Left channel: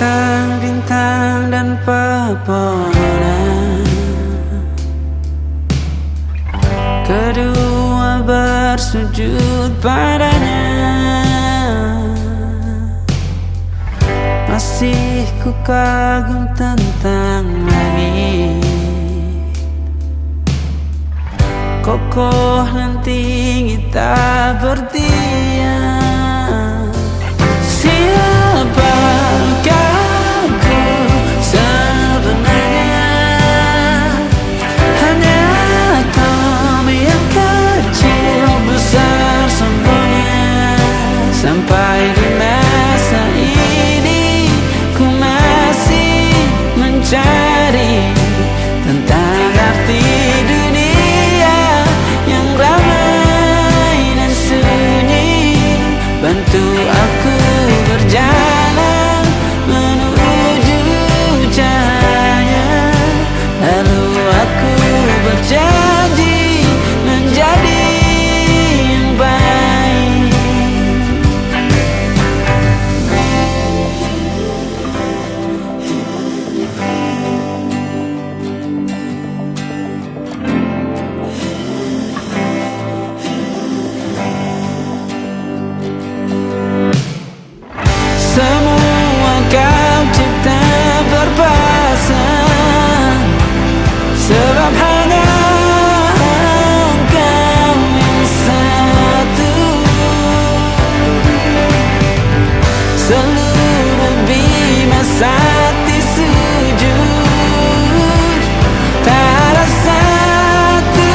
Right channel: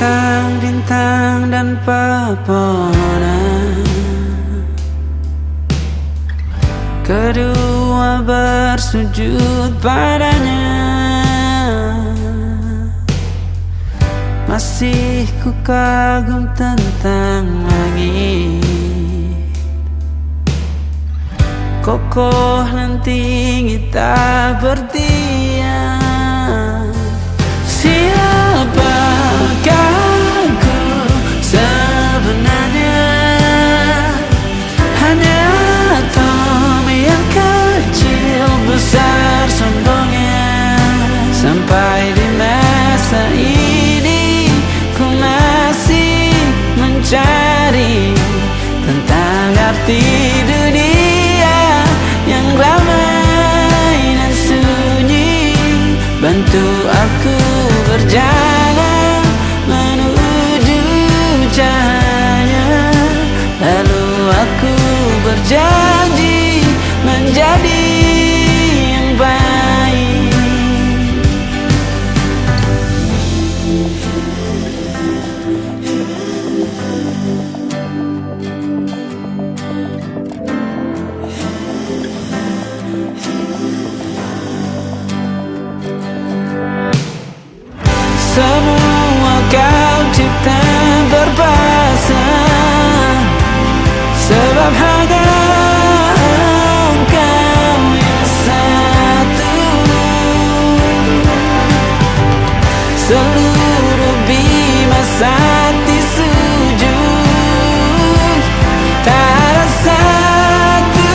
bintang-bintang dan pepohonan, kedua bersujud padanya. Masih ku kagum tentang langit, kokoh dan tinggi tak bertiang. Siapakah aku sebenarnya? Hanya Tom yang kecil besar sombongnya. Sampai di masa ini ku masih mencari tentang arti dunia yang ramai dan sunyi. Bantu aku berjalan menuju cahaya, lalu aku berjanji menjadi yang baik. Semua kau cipta berpasang, sebab hanya Engkau yang satu. Seluruh bima sakti sujud, tak ada satu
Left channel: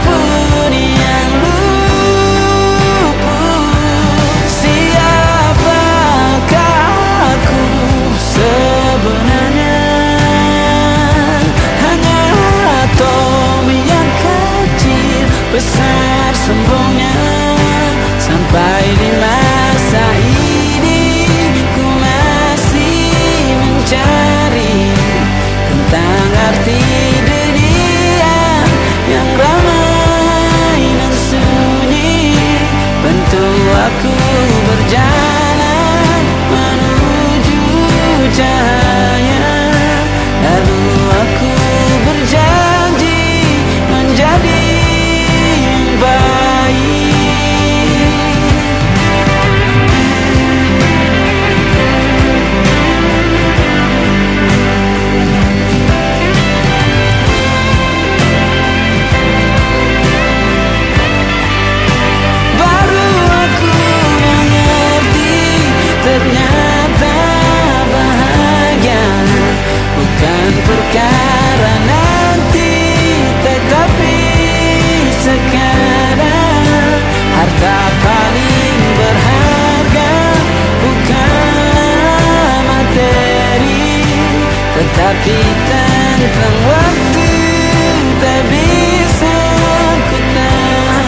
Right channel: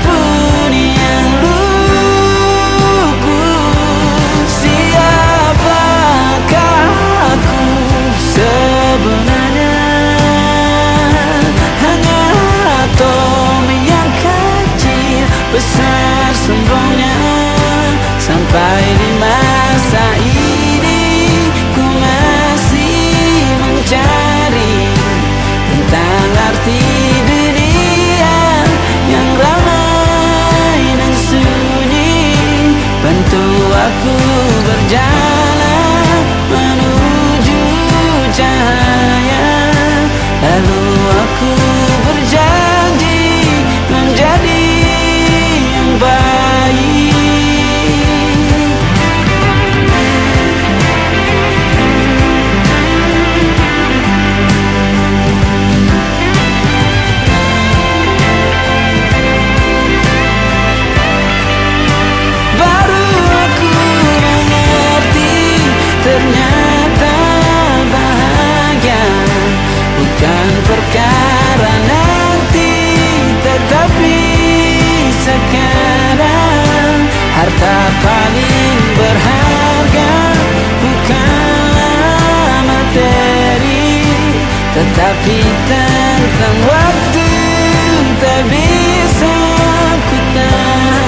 pun yang luput. Siapakah aku sebenarnya? Hanya Tom yang kecil besar sombongnya. Sampai di masa ini ku masih mencari tentang arti dunia yang ramai dan sunyi. Bantu aku berjalan menuju cahaya, lalu aku berjanji menjadi yang baik. Baru aku mengerti, ternyata bahagia bukan perkara nanti, tetapi sekarang. Harta paling berharga bukanlah materi, tetapi tentang waktu tak bisa ku tahan.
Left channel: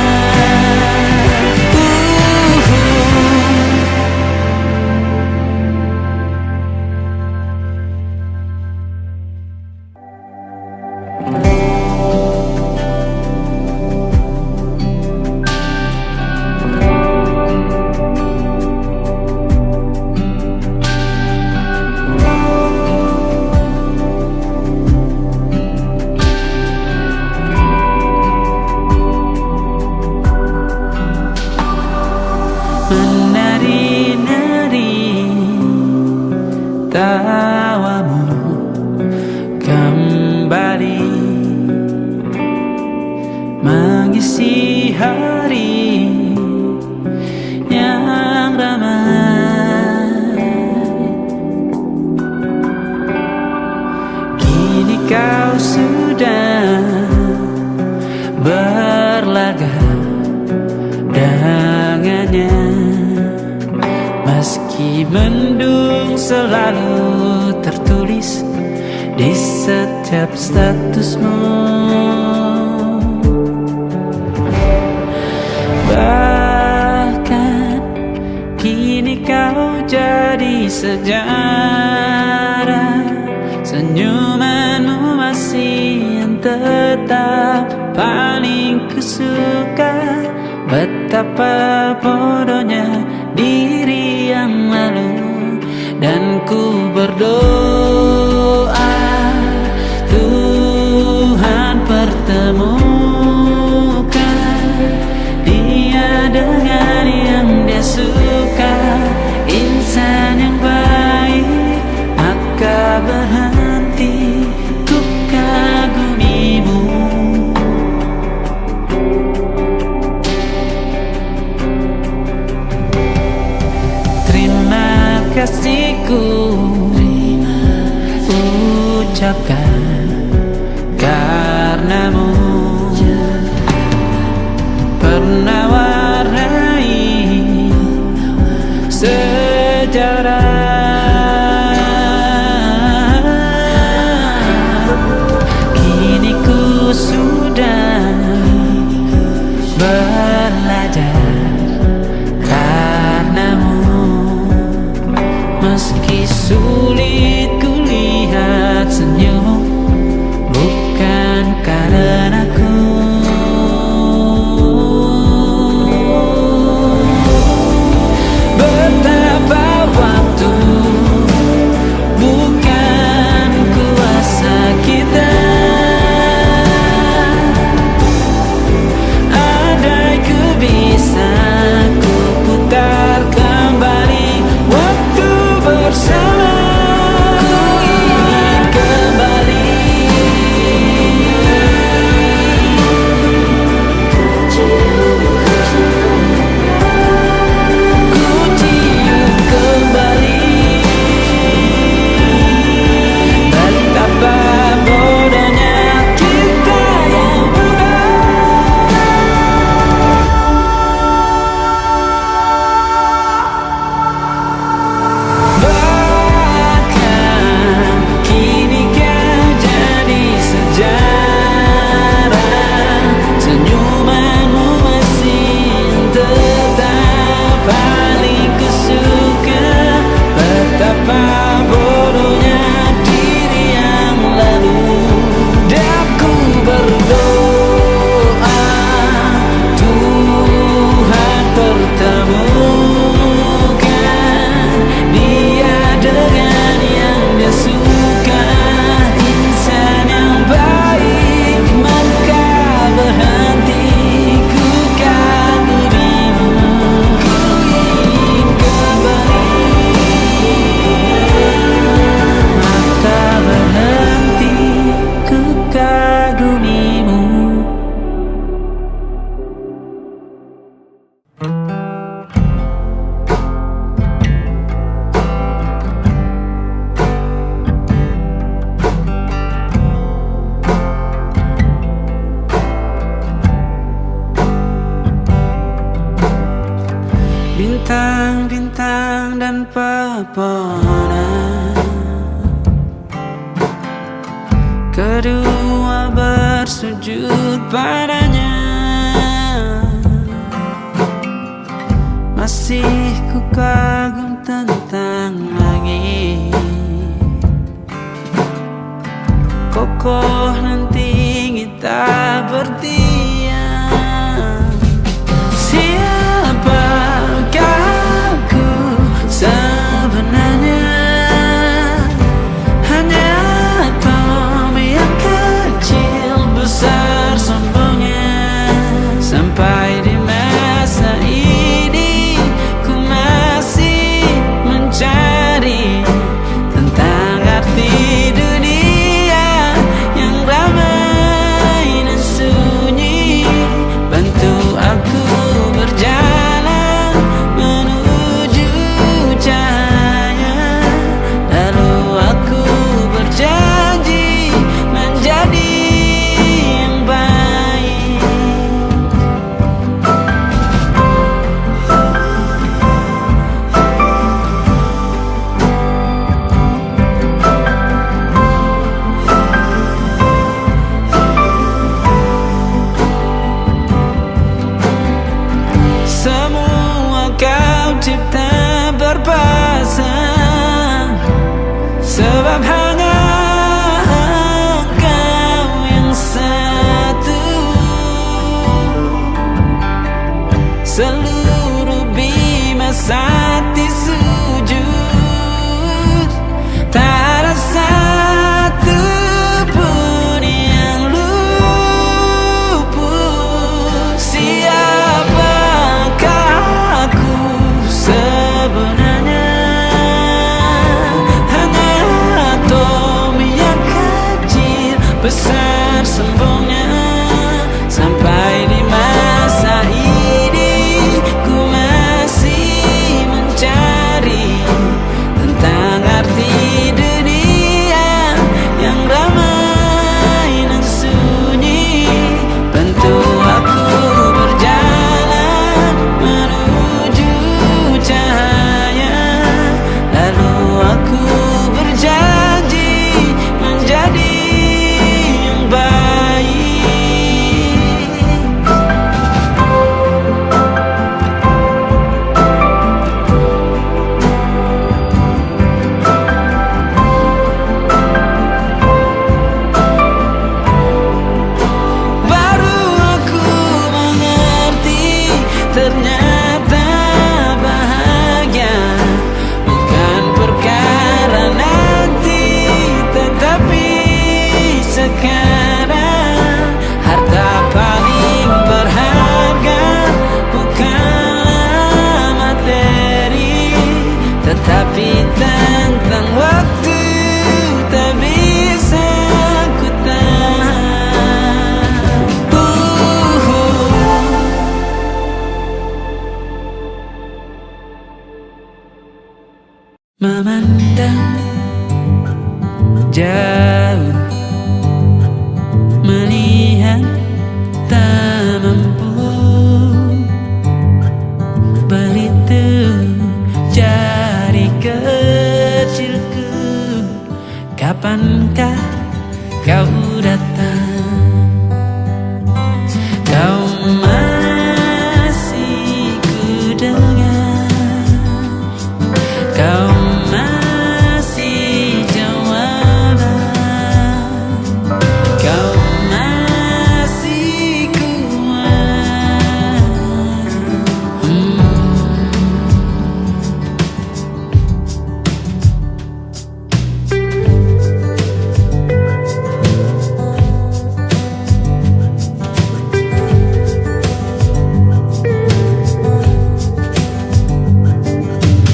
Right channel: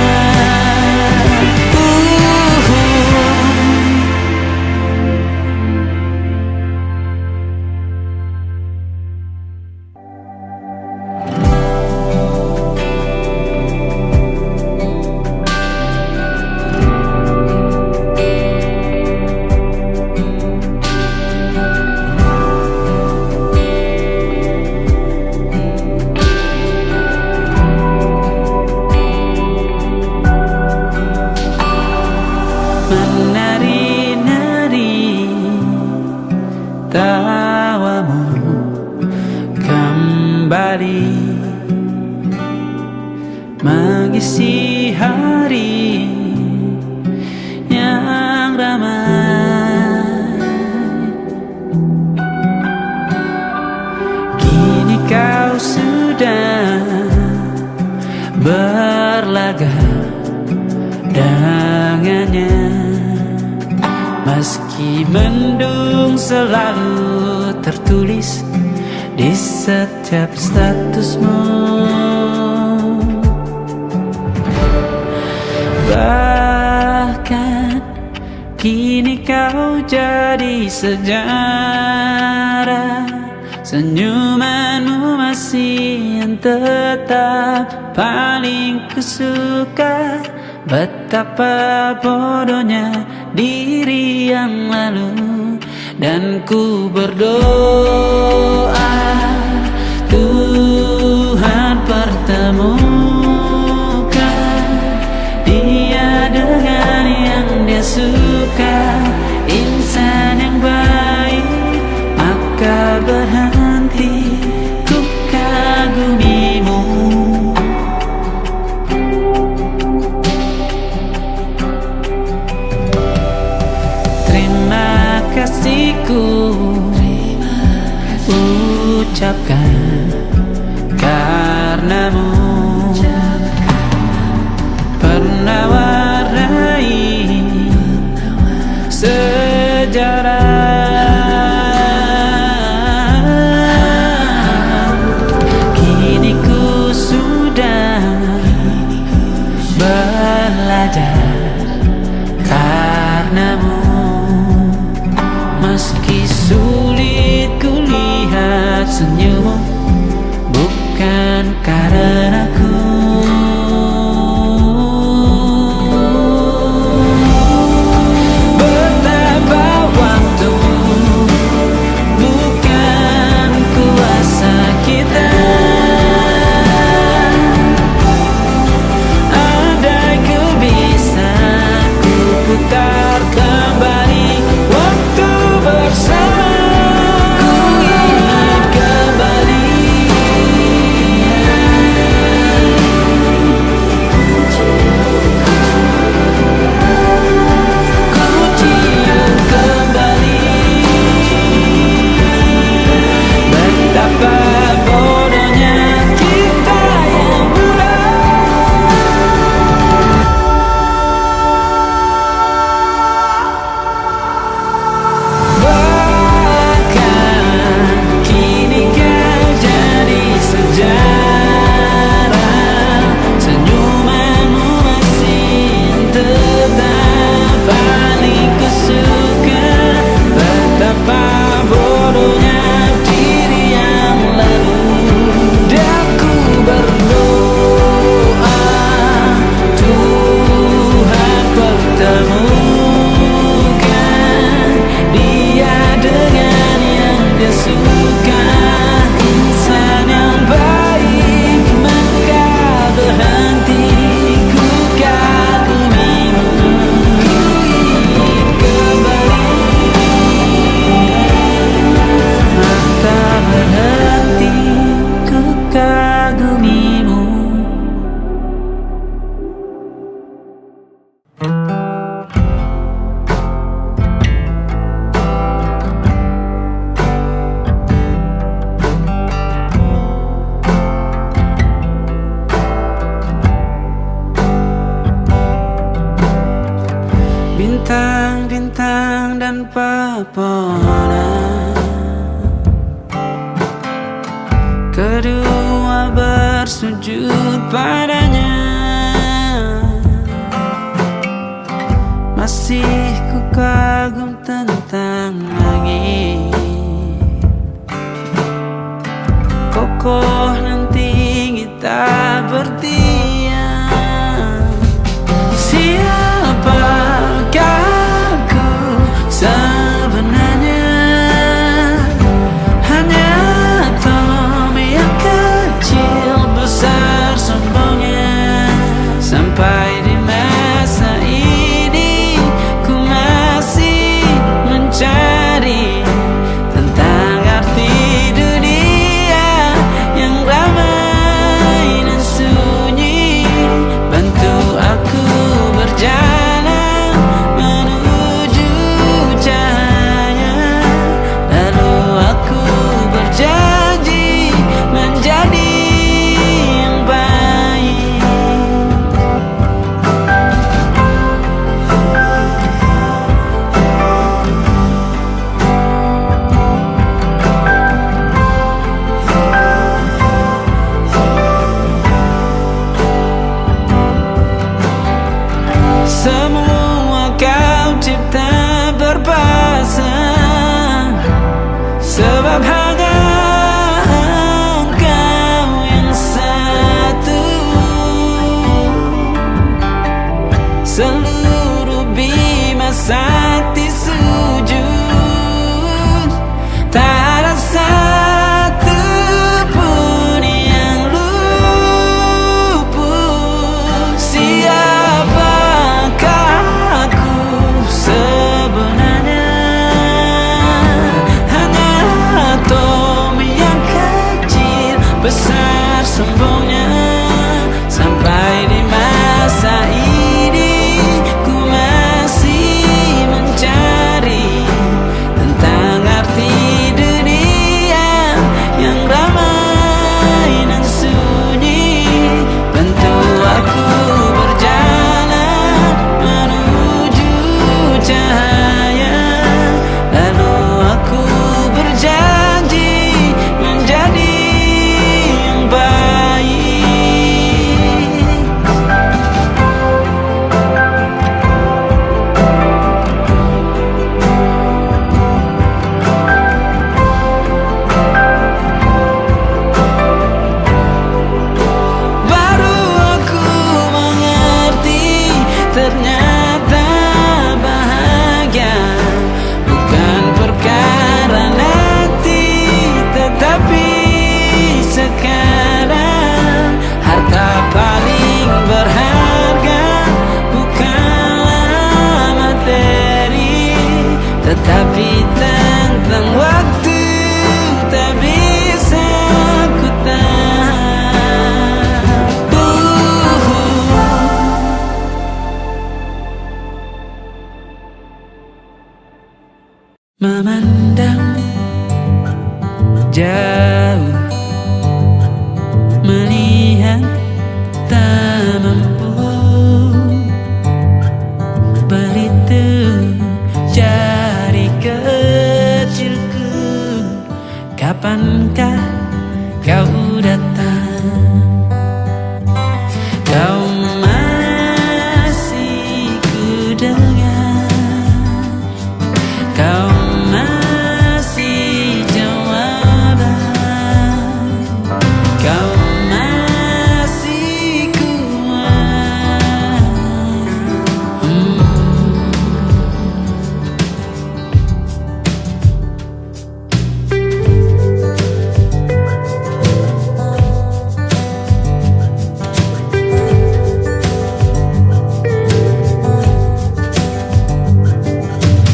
Menari-nari tawamu kembali mengisi hari yang ramai. Kini kau sudah berlaga dengannya, meski mendung selalu tertulis di setiap statusmu. Bahkan kini kau jadi sejarah, senyumanmu masih yang tetap paling kusuka. Betapa bodohnya diri yang lalu dan ku berdoa Tuhan pertemukan dia dengan yang dia suka, insan yang baik, maka berhenti ku kagumimu. Terima kasihku ucapkan karenamu pernah warnai sejarah. Kini ku sudah belajar karenamu. Meski sulit ku lihat senyummu, bukan karenaku. Betapa waktu bukan kuasa kita. Andai ku bisa ku putar kembali waktu bersama, ku ingin kembali. Ku cium kembali betapa bodohnya kita yang muda. Bahkan kini kau jadi sejarah, senyumanmu masih tetap paling kusuka. Betapa bodohnya diri yang lalu, dan ku berdoa Tuhan pertemukan dia dengan yang dia suka, insan yang baik, maka berhenti ku kagumimu. Ku ingin kembali, maka berhenti ku kagumimu. Bintang-bintang dan pepohonan, kedua bersujud padanya. Masih ku kagum tentang langit, kokoh dan tinggi tak berdiam. Siapakah aku sebenarnya? Hanya Tom yang kecil besar sombongnya. Sampai di masa ini ku masih mencari tentang arti dunia yang ramai dan sunyi. Bantu aku berjalan menuju cahaya, lalu aku berjanji menjadi yang baik. Semua kau cipta berpasang, sebab hanya engkau yang satu. Seluruh bima sakti sujud ternyata bahagia bukan perkara nanti, tetapi sekarang. Harta paling berharga bukanlah materi, tetapi tentang waktu tak bisa ku tahan. Memandang jauh, melihat tak mampu, berhitung jari kecilku. Kapankah kau datang? Kau masih ku dengar, kau masih jawaban, kau masih kuat.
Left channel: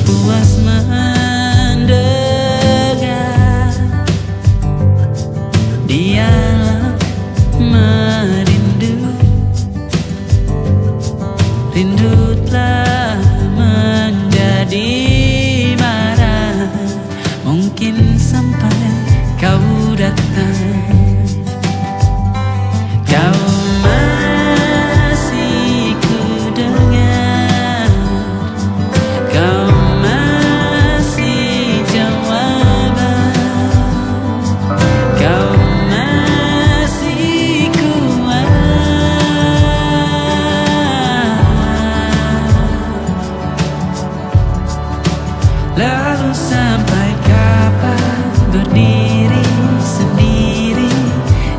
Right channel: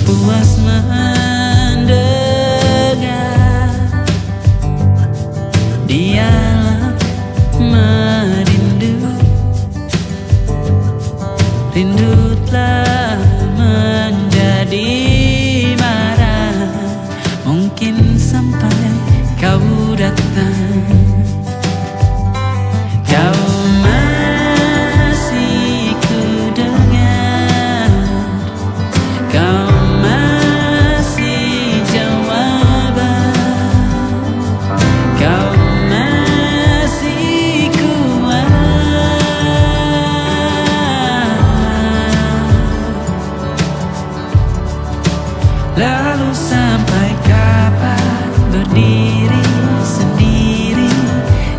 Puas mendengar dialog merindu, rindu telah menjadi marah. Mungkin sampai kau datang, kau masih ku dengar, kau masih jawaban, kau masih kuat. Lalu sampai kapan berdiri sendiri,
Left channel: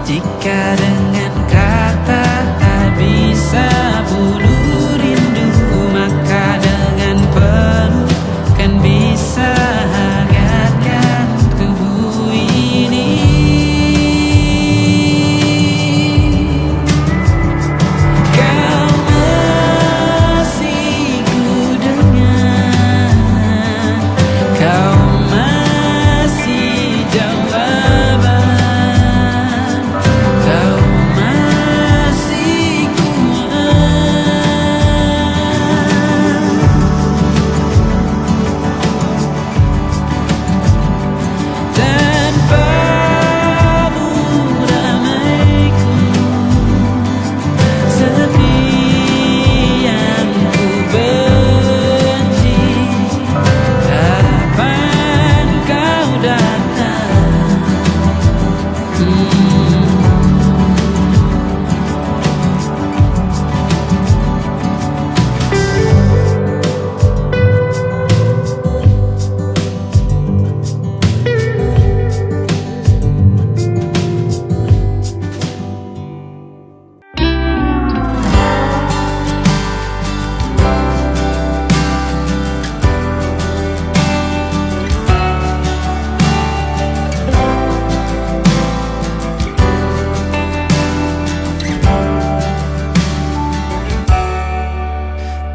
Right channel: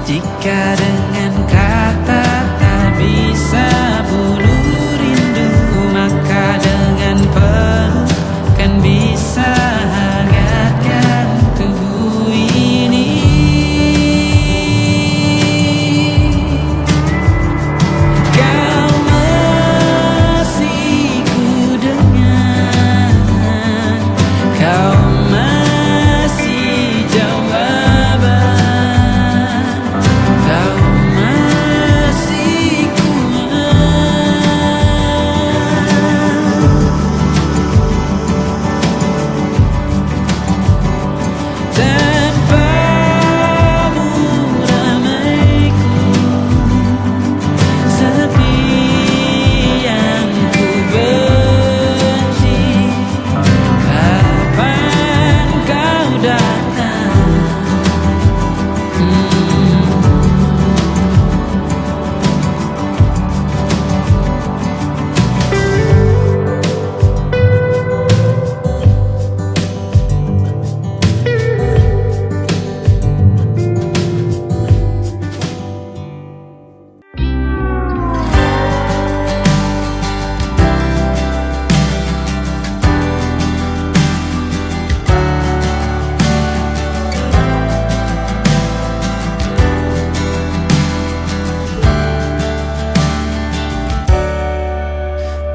jika dengan kata tak bisa bunuh rindu, maka dengan peluk kan bisa hangatkan tubuh ini. Kau masih ku dengar, kau masih jawaban, kau masih kuat. Tanpamu ramaiku, sepi yang ku benci. Kapan kau datang?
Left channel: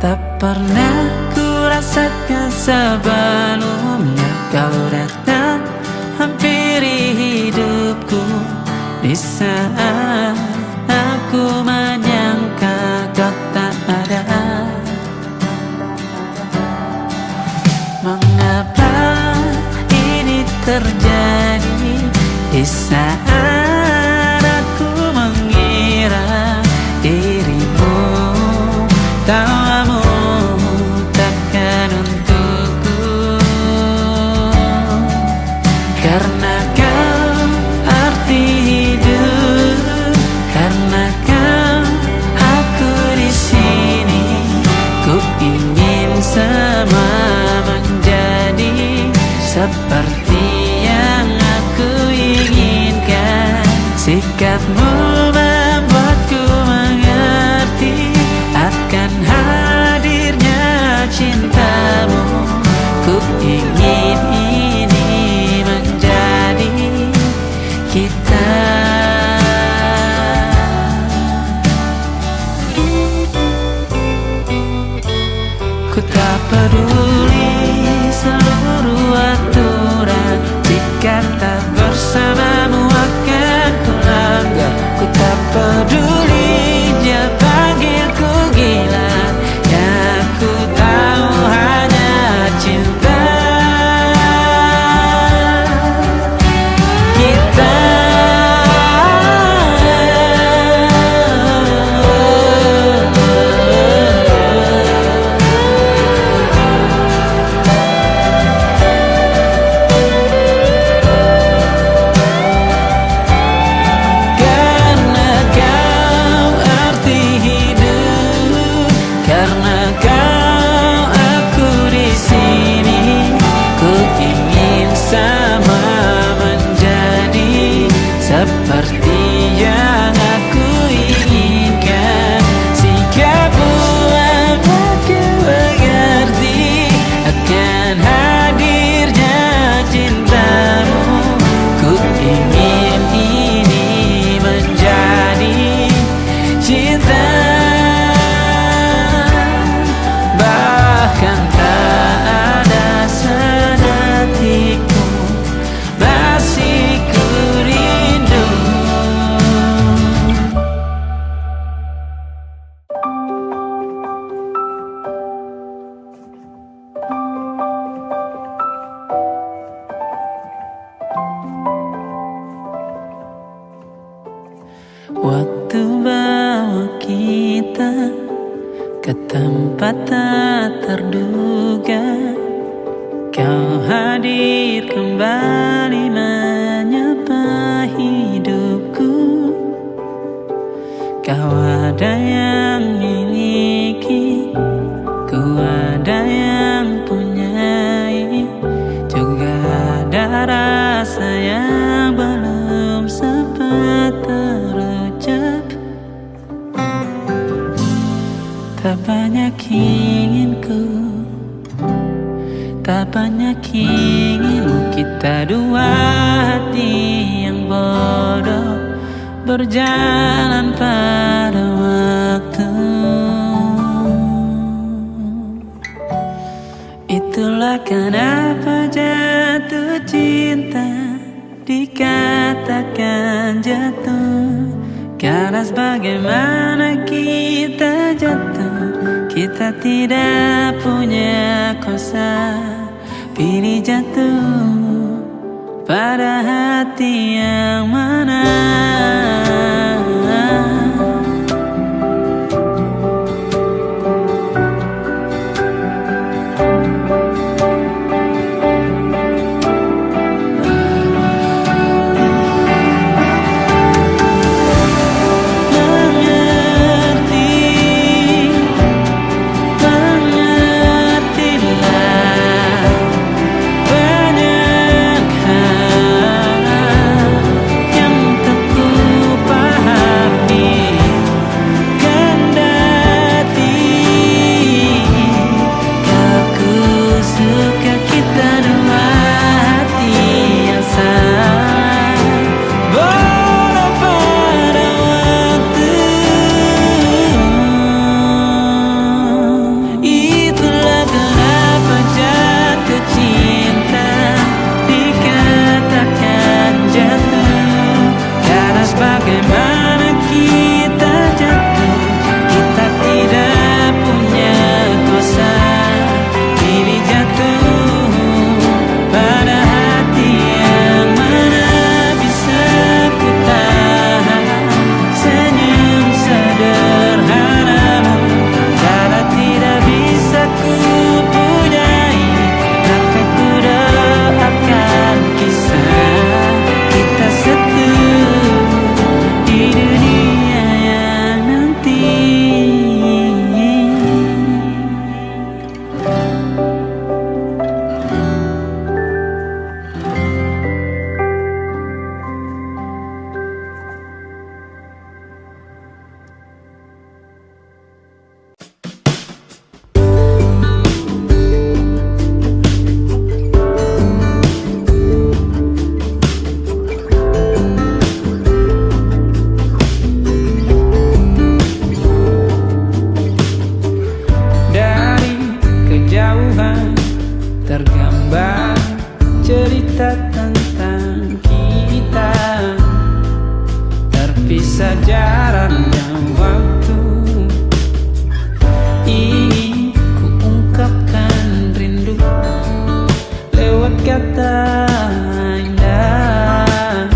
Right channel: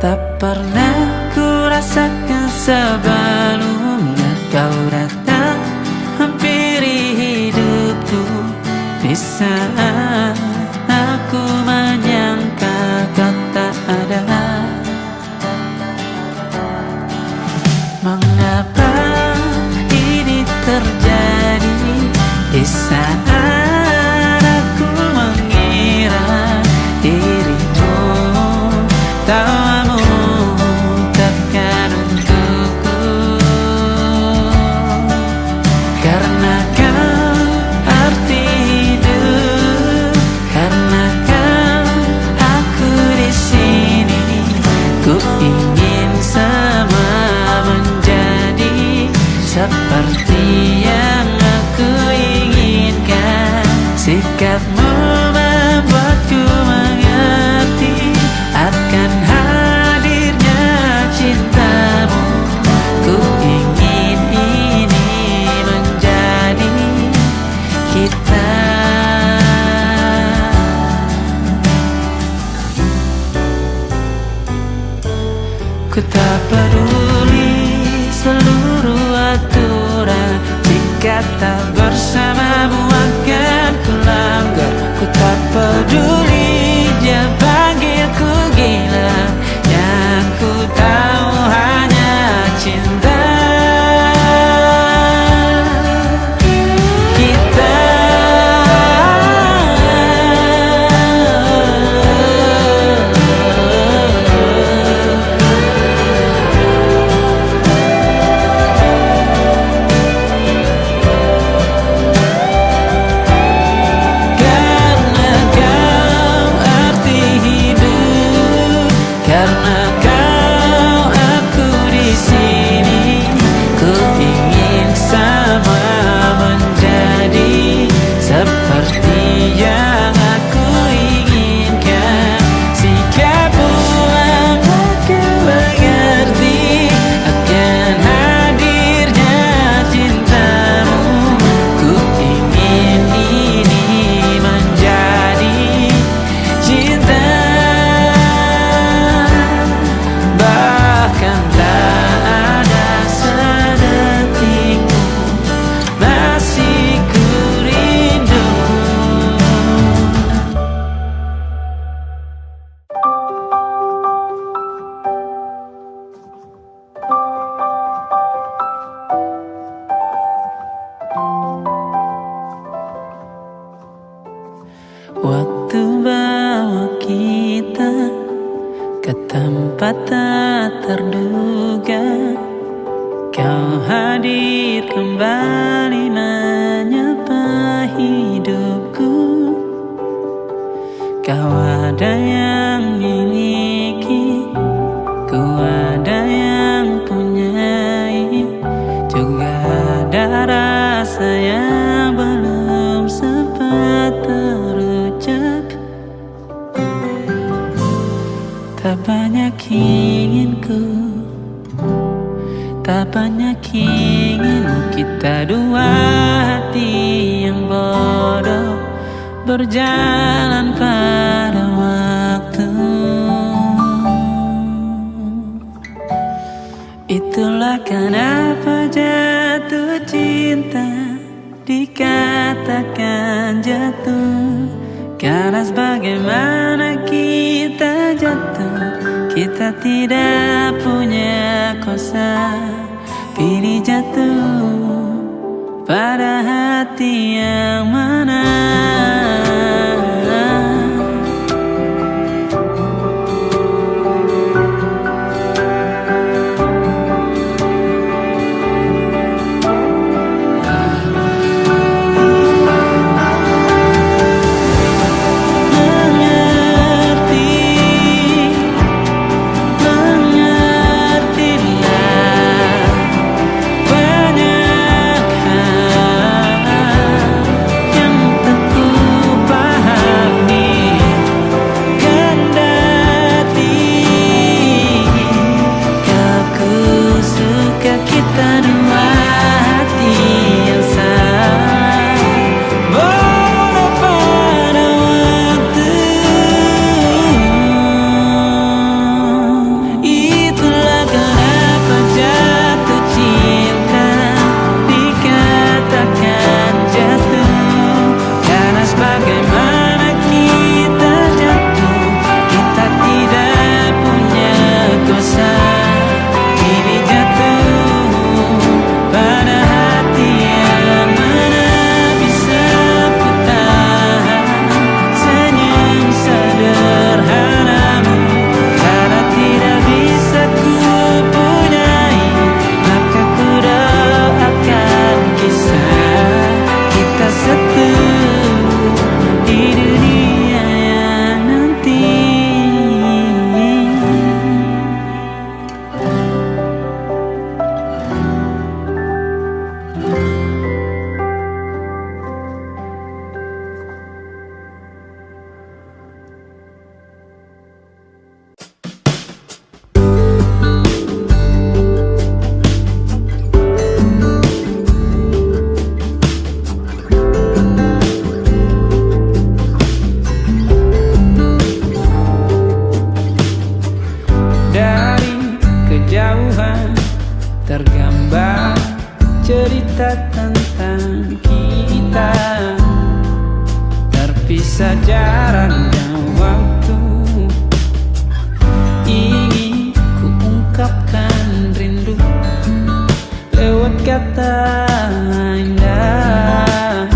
Tak pernah ku rasakan sebelumnya kau datang hampiri hidupku, di saat aku menyangka kau tak ada. Mengapa ini terjadi di saat aku mengira dirimu tawamu takkan untukku, karena kau arti hidup, karena kau aku di sini. Ku ingin semua menjadi seperti yang aku inginkan. Sikapmu membuatku mengerti akan hal ingin ini menjadi kita. Ku tak peduli seluruh aturan, jika tak bersamamu akan ku langgar. Ku tak peduli dia panggilku gila, yang ku tahu hanya cinta kita. Karena kau aku di sini, ku ingin sama menjadi seperti yang aku inginkan. Sikapmu membuatku mengerti akan hadirnya cintamu. Ku ingin ini menjadi cinta, bahkan tak ada sedetikmu masih ku rindu. Waktu bawa kita ke tempat tak terduga, kau hadir kembali menyapa hidupku. Kau ada yang miliki, ku ada yang punyai, juga ada rasa yang belum sempat terucap. Tak banyak inginku, tak banyak inginmu. Kita dua hati yang bodoh berjalan pada waktu. Itulah kenapa jatuh cinta dikatakan jatuh. Karena bagaimana kita jatuh, kita tidak punya kuasa. Pilih jatuh pada hati yang mana. Kita dua hati yang sama, bodoh pada waktu. Itulah kenapa jatuh cinta dikatakan jatuh. Karena bagaimana kita jatuh, kita tidak punya kuasa. Pilih jatuh tergambar cerita tentang kita, terpisah jarak dan waktu. Ingin ku ungkapkan rindu lewat kata indah,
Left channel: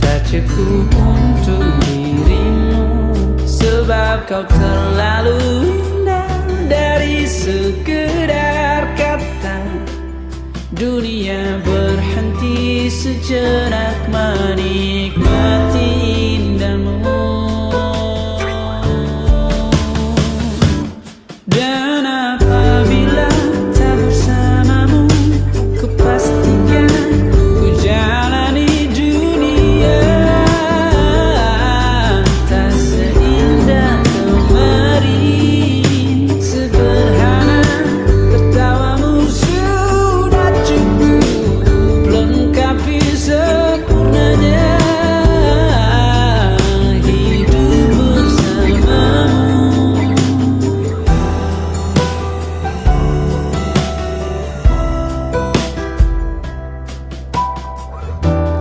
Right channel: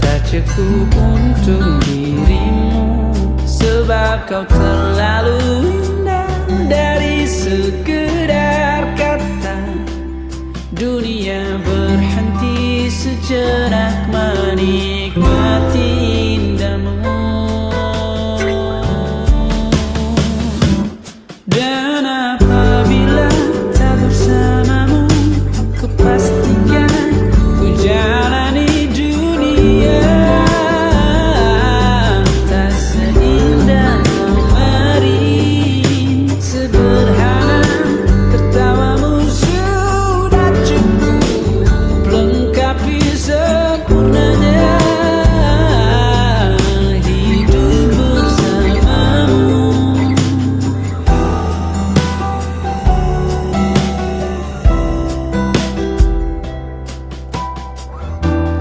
tak cukup untuk dirimu, sebab kau terlalu indah. Dari sekedar kata, dunia berhenti sejenak menikmati indahmu. Dan apabila tak bersamamu, ku pastikan ku jalani dunia tak seindah kemarin. Sederhana, tertawamu sudah cukup lengkapi sempurnanya hidup bersamamu.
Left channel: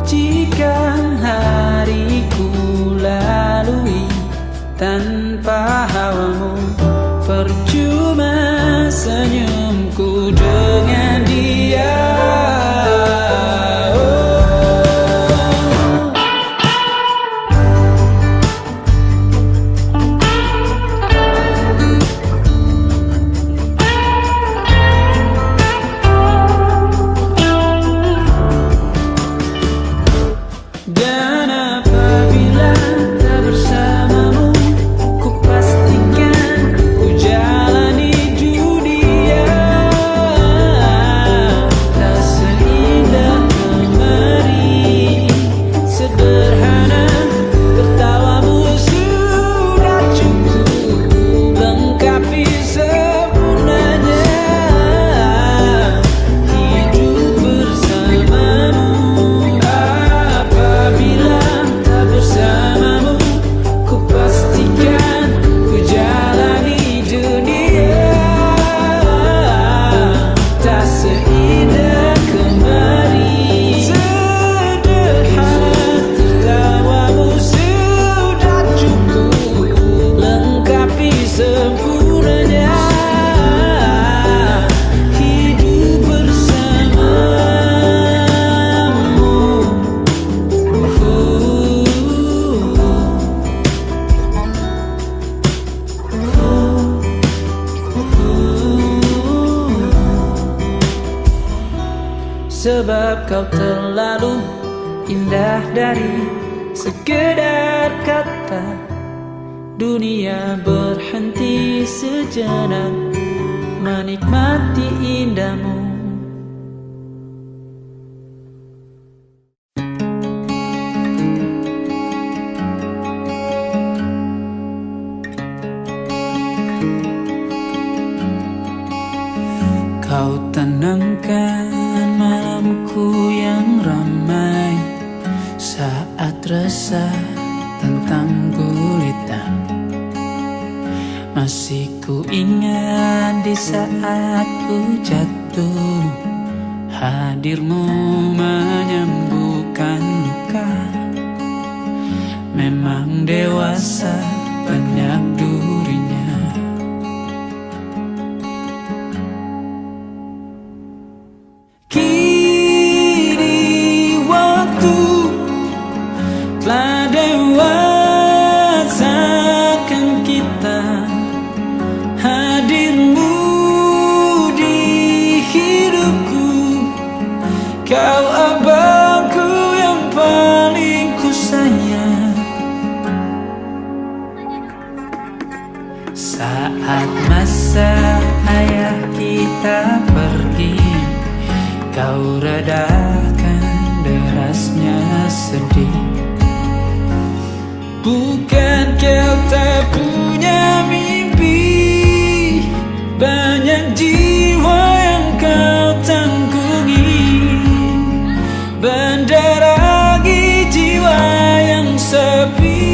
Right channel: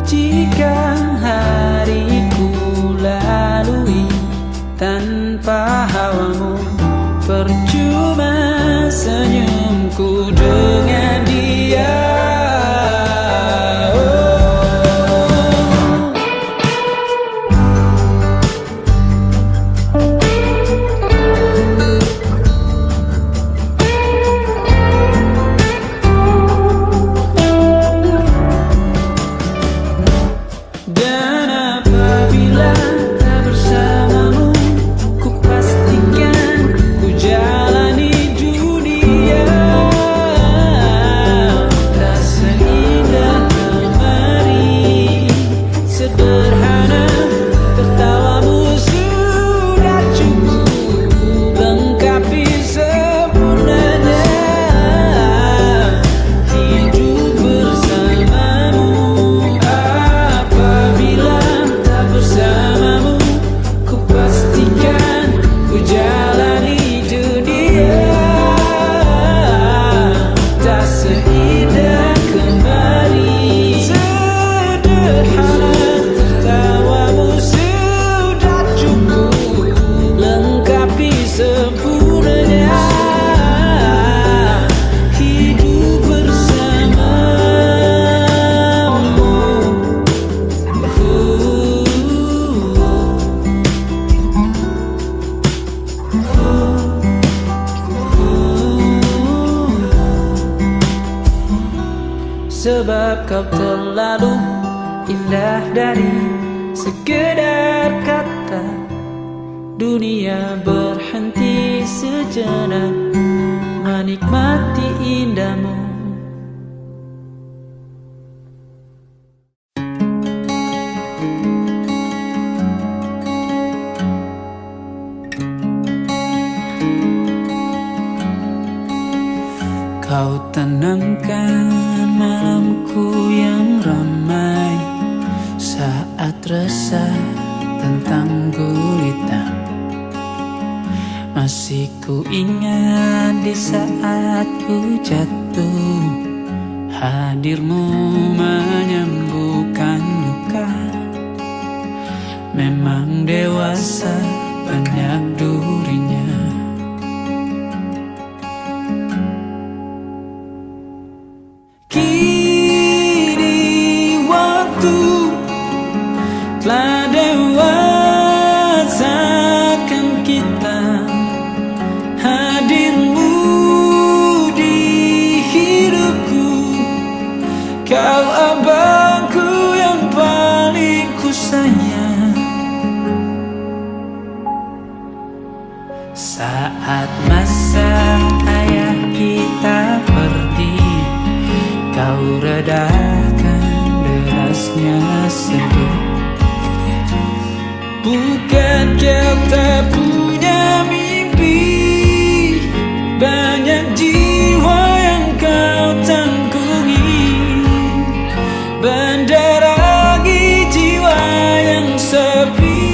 Jika hariku lalui tanpa hawamu, percuma senyumku dengan dia. Dan apabila tak bersamamu, ku pastikan ku jalani dunia tak seindah kemarin. Sederhana, tertawamu sudah cukup lengkapi sempurnanya hidup bersamamu. Apabila tak bersamamu, ku pastikan ku jalani dunia tak seindah kemarin. Sederhana, tertawamu sudah cukup lengkapi sempurnanya hidup bersamamu. Sebab kau terlalu indah dari sekedar kata, dunia berhenti sejenak menikmati indahmu. Kau tenangkan malamku yang ramai saat resah tentang gulita. Masih ku ingat di saat ku jatuh, hadirmu menyembuhkan luka. Memang dewasa banyak durinya. Kini waktu telah dewasakan kita, hadirmu di hidupku. Kau abangku yang paling ku sayang. Saat masa ayah kita pergi, kau redakan derasnya sedih. Bukan kau tak punya mimpi, banyak jiwa yang kau tanggungi. Mendarangi jiwa yang sepi.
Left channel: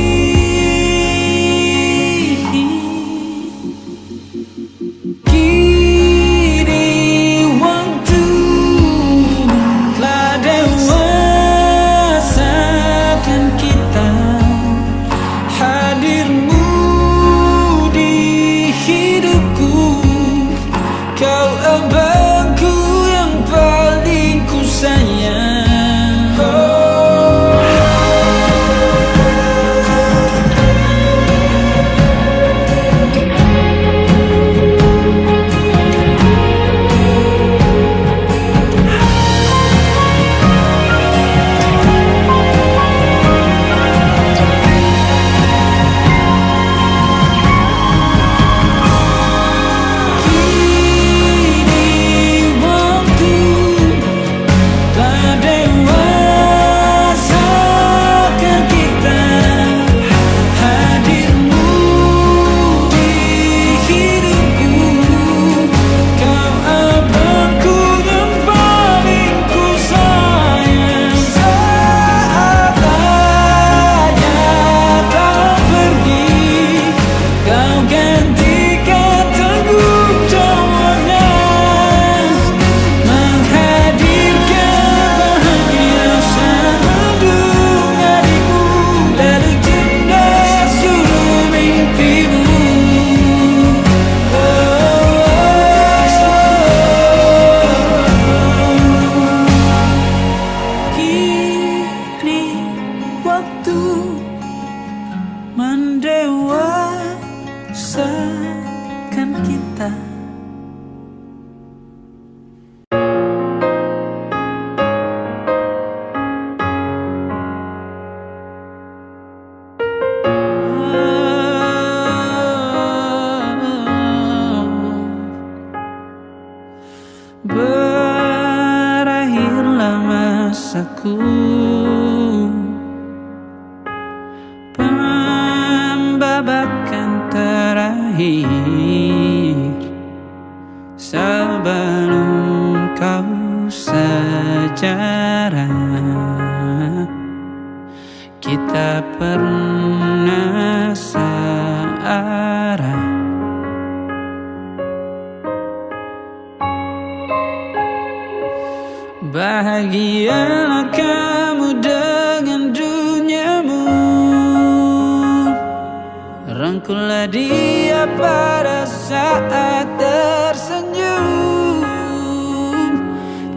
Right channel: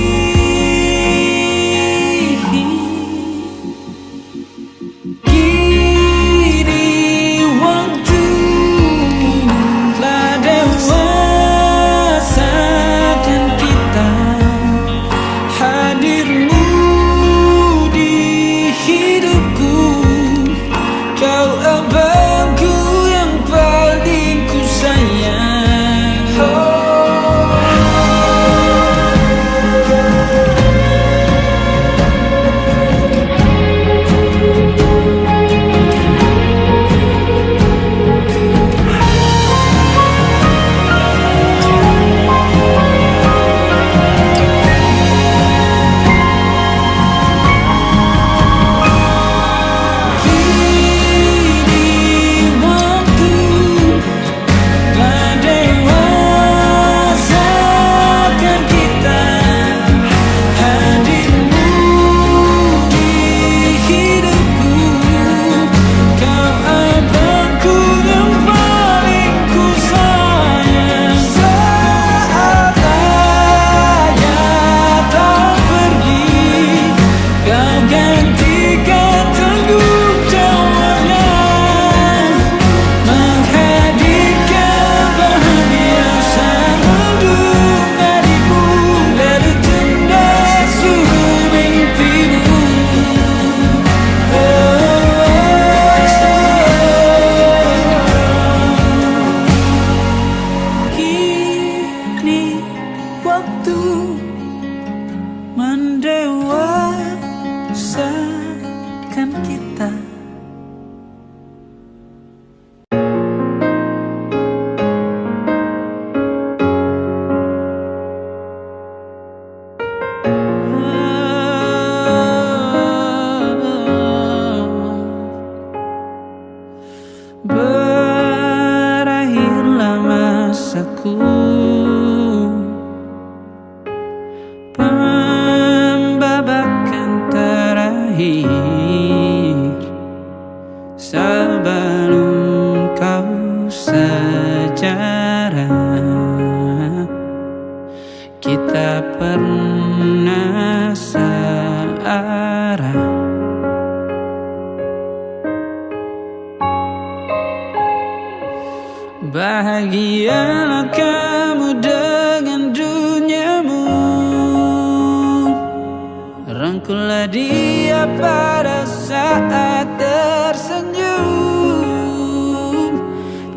Kini adalah masaku, pembabakan terakhir sebelum kau sejarah. Kita pernah searah. Bahagialah kamu dengan duniamu, rangkullah dia pada saat tersenyum.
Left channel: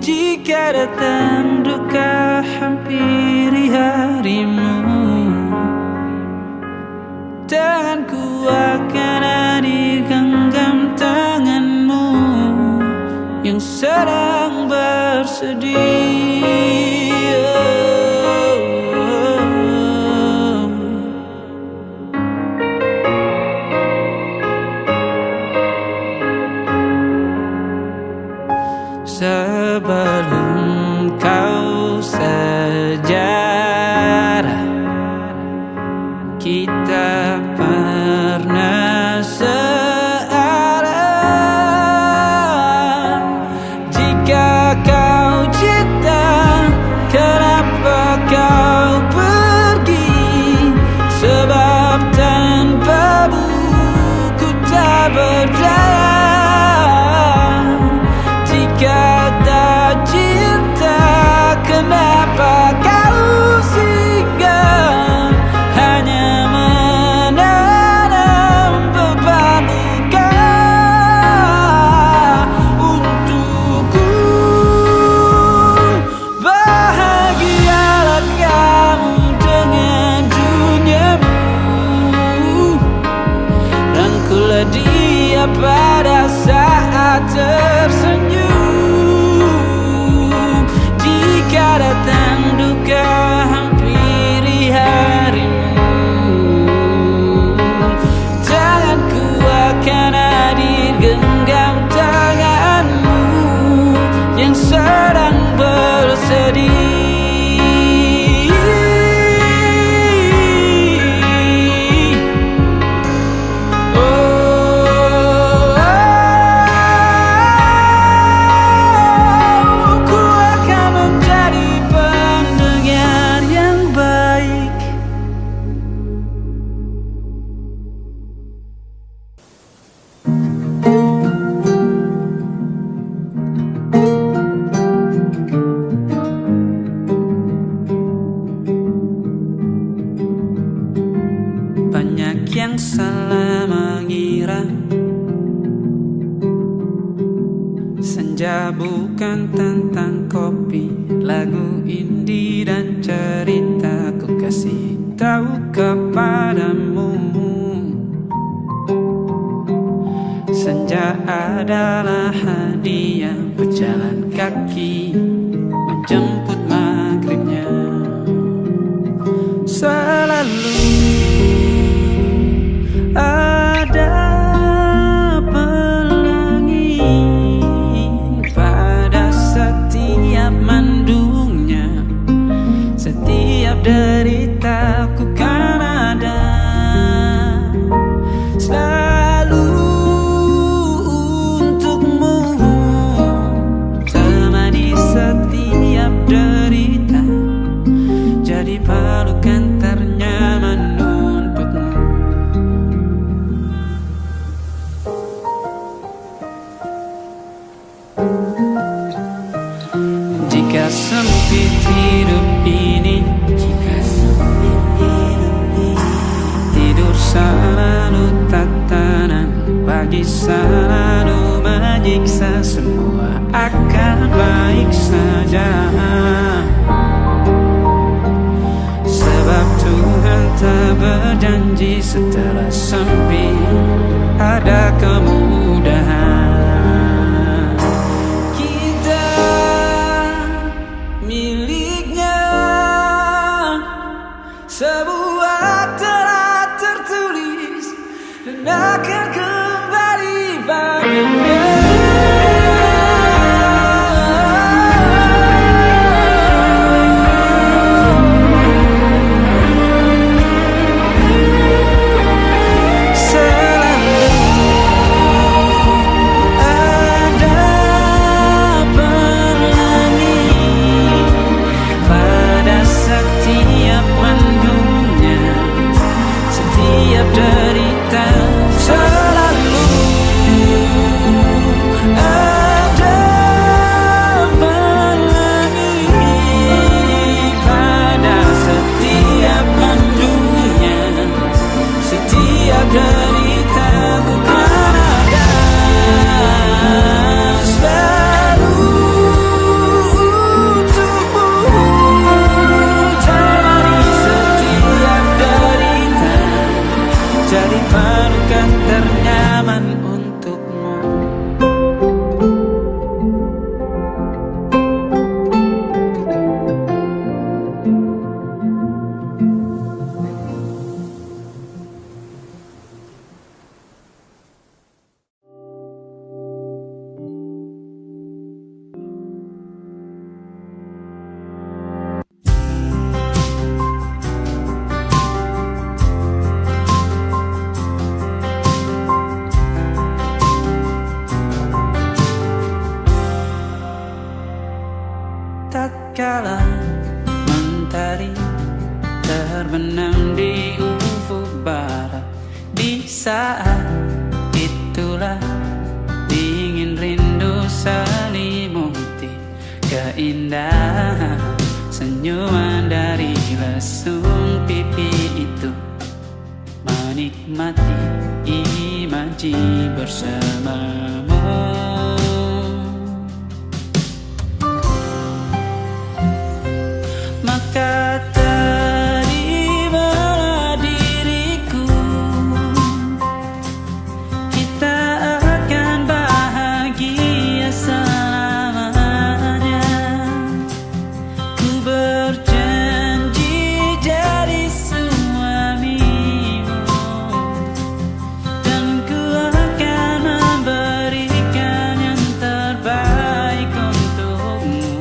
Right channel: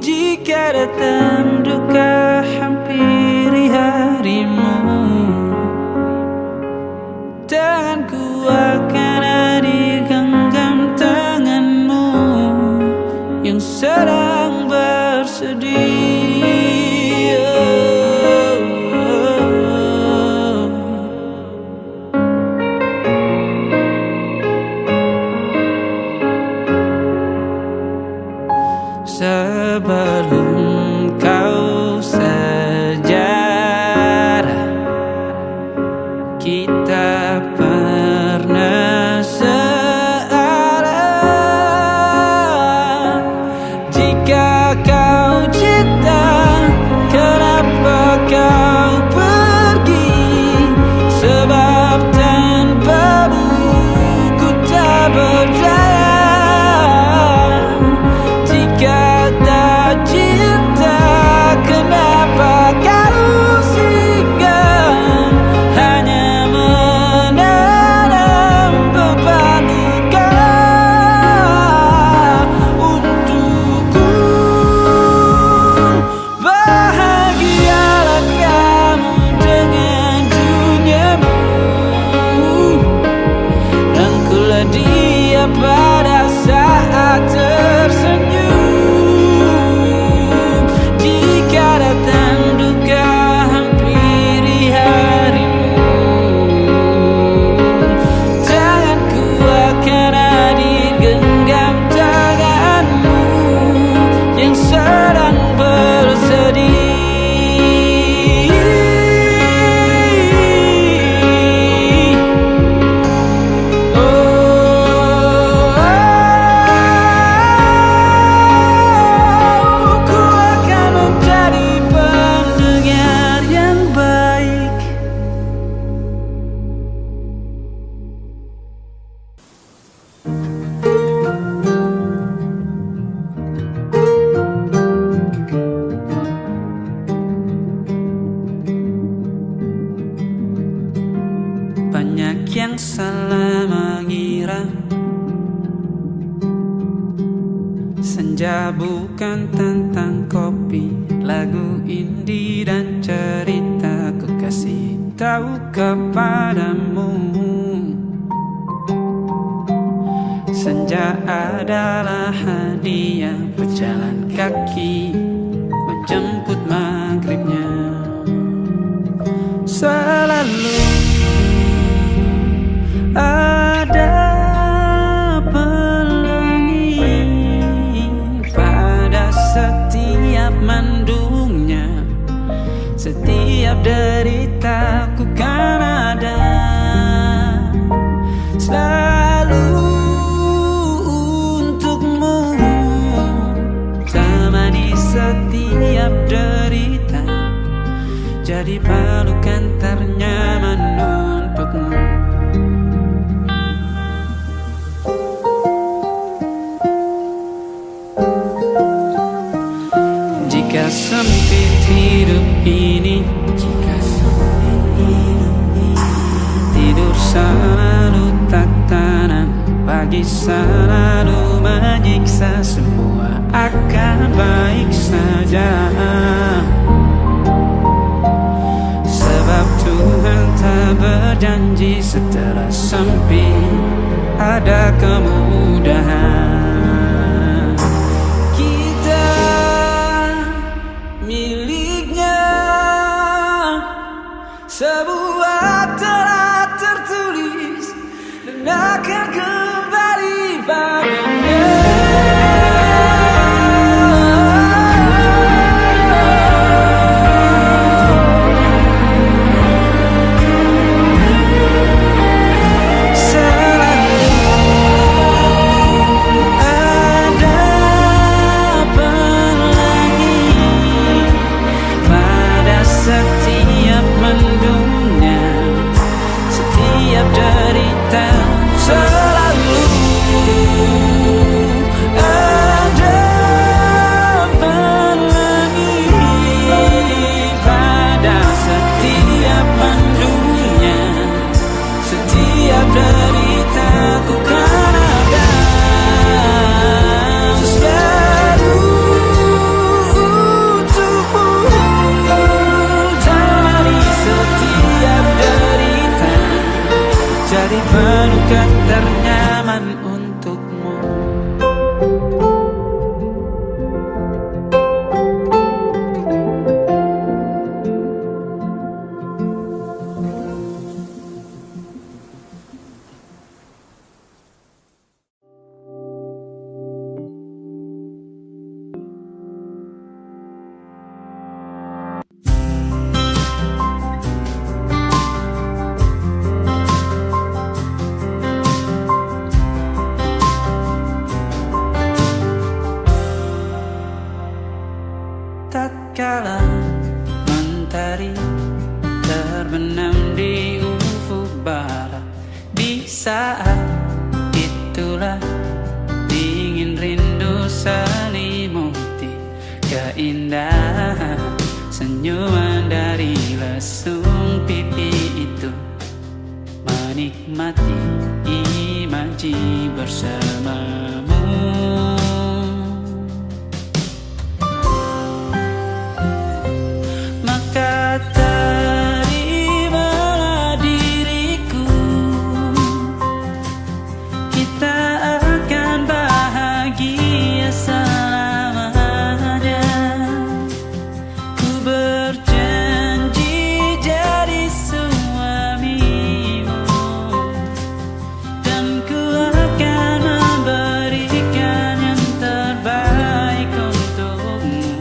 Jika datang duka hampiri harimu, tanganku akan ada di genggam tanganmu yang sedang bersedih. Sebelum kau sejarah, kita pernah searah. Jika kau cinta, kenapa kau pergi? Sebab tanpamu ku tak berdaya. Jika tak cinta, kenapa kau singgah? Hanya menanam beban luka untukku. Bahagialah kamu dengan duniamu, rangkullah dia pada saat tersenyum. Jika datang duka hampiri harimu, tanganku akan ada di genggam tanganmu yang sedang bersedih. Banyak yang salah mengira senja bukan tentang kopi, lagu indie dan cerita. Ku kasih tahu kepadamu, senja adalah hadiah berjalan kaki menjemput maghribnya. Selalu ada pelangi pada setiap mendungnya. Setiap derita ku kan ada selalu untukmu, temani setiap derita, jadi pelukan ternyaman untukmu. Jika sempit hidup ini, tidur selalu tatanan, pagi selalu menyiksa, semua akan baik saja. Sebab Tuhan tak berjanji setelah sempit ada kemudahan. Kita miliknya, sebuah telah tertulis dan akan kembali padanya. setiap mendungnya, setiap derita selalu ada pelangi pada setiap mendungnya, setiap derita ku kan ada selalu untukmu, temani setiap derita, jadi pelukan ternyaman untukmu. Tatkala mentari terbenam di ufuk barat, di saat itulah dingin rindu selimuti keindahan senyuman dari lesung pipi itu, menikmati imaji bersamamu. Maka terimalah diriku, kita akan bahagia selamanya. Ku berjanji jadi suamimu, dan ku akan memberikan yang terbaik untukmu.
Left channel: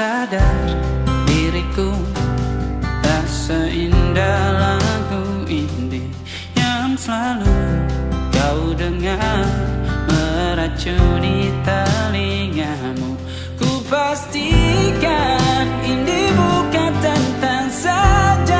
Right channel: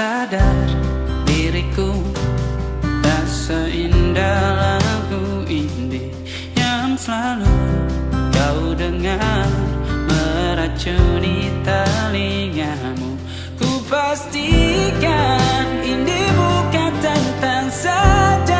Sadar diriku tak seindah lagu indie yang selalu kau dengar meracuni telingamu. Ku pastikan indie bukan tentang saja